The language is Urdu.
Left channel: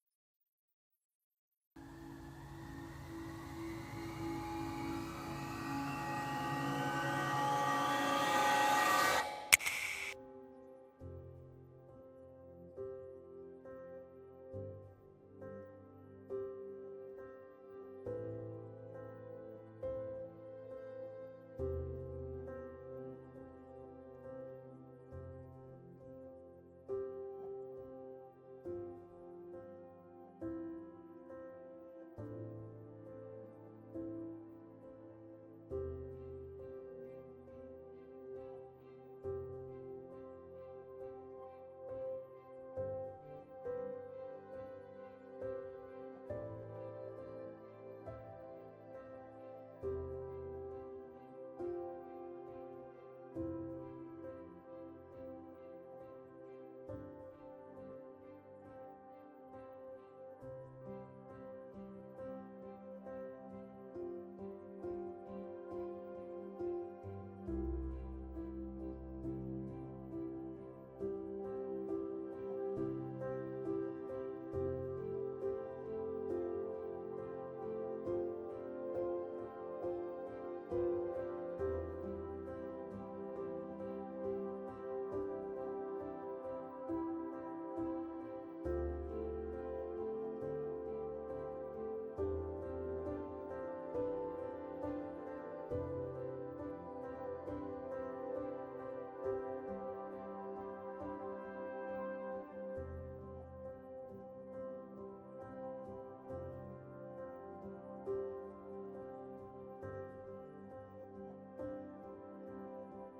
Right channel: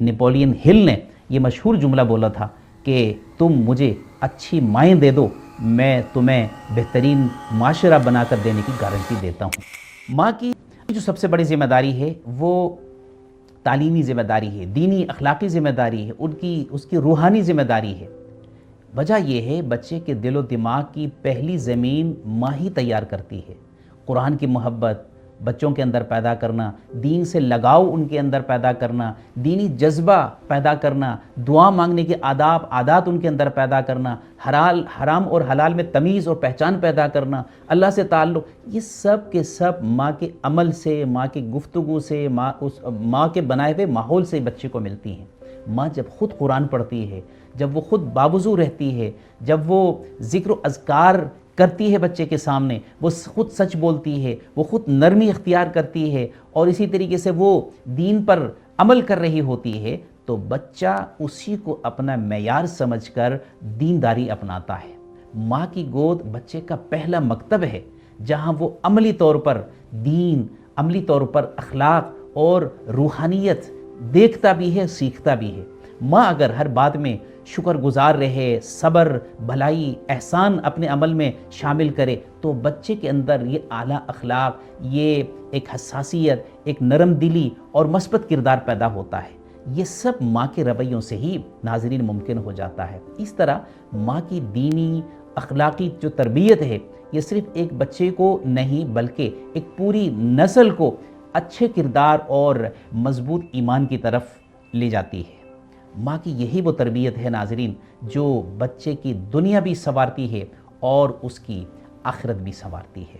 نیپولین ہل نے یہ مشہور جملہ بولا تھا کہ تم مجھے اچھی مائیں دے دو، میں تمہیں بہترین معاشرہ بنا کر دینے کی گارنٹی دیتا ہوں۔ ماں کی جو سب سے بڑی ذمہ داری ہے وہ تعلیمی ذمہ داری ہے، دینی اخلاقی ذمہ داری ہے، اس کی روحانی ذمہ داری ہے۔ وجہ یہ ہے بچے کے دل و دماغ کی پہلی زمین ماں ہی تیار کرتی ہے۔ قرآن کی محبت بچوں کے اندر پیدا کرنا، دین سے لگاؤ ان کے اندر پیدا کرنا، دینی جذبہ پیدا کرنا، دعا مانگنے کے آداب عادات ان کے اندر پیدا کرنا، حرام اور حلال میں تمیز اور پہچان پیدا کرنا، اللہ سے تعلق، یہ سب کے سب ماں کے عمل سے، ماں کی گفتگو سے، ماں کے بنائے ہوئے ماحول سے بچے کو ملتی ہیں۔ ماں جب خود قرآن پڑھتی ہے، جب وہ خود باوضو رہتی ہے، جب وہ ذکر و اذکار کرتی ہے بچے کے سامنے، وہ خود سچ بولتی ہے، وہ خود نرمی اختیار کرتی ہے اور اسی طریقے سے وہ دین پر عمل کر رہی ہوتی ہے، تو بچہ اسی کو اپنا معیار سمجھ کر دینداری اپناتا ہے۔ ماں کی گود بچے کا پہلا مکتب ہے جہاں وہ عملی طور پر دین، عملی طور پر اخلاق اور روحانیت دیکھتا بھی ہے، سیکھتا بھی ہے۔ ماں اگر ہر بات میں شکر گزار رہے، صبر، بھلائی، احسان اپنے عمل میں شامل کرے، تو بچے کے اندر یہ اعلیٰ اخلاق، یہ ایک حساسیت، ایک نرم دلی اور مثبت کردار پیدا ہوتا ہے۔ یہ سب ماں کے رویوں سے ہی ناظرین ممکن ہو جاتا ہے۔ اس طرح ماں کی دینی اخلاقی جو تربیت ہے، یہ صرف ایک بچے کو نہیں بلکہ ایک پوری نسل کو اچھے کردار اور مضبوط ایمان کی طرف لے جاتی ہے۔ ماں کی یہی وہ تربیت ہے ناظرین جو بچے کی دنیا بھی سنوارتی ہے اور اس کی آخرت بھی سنوارتی ہے۔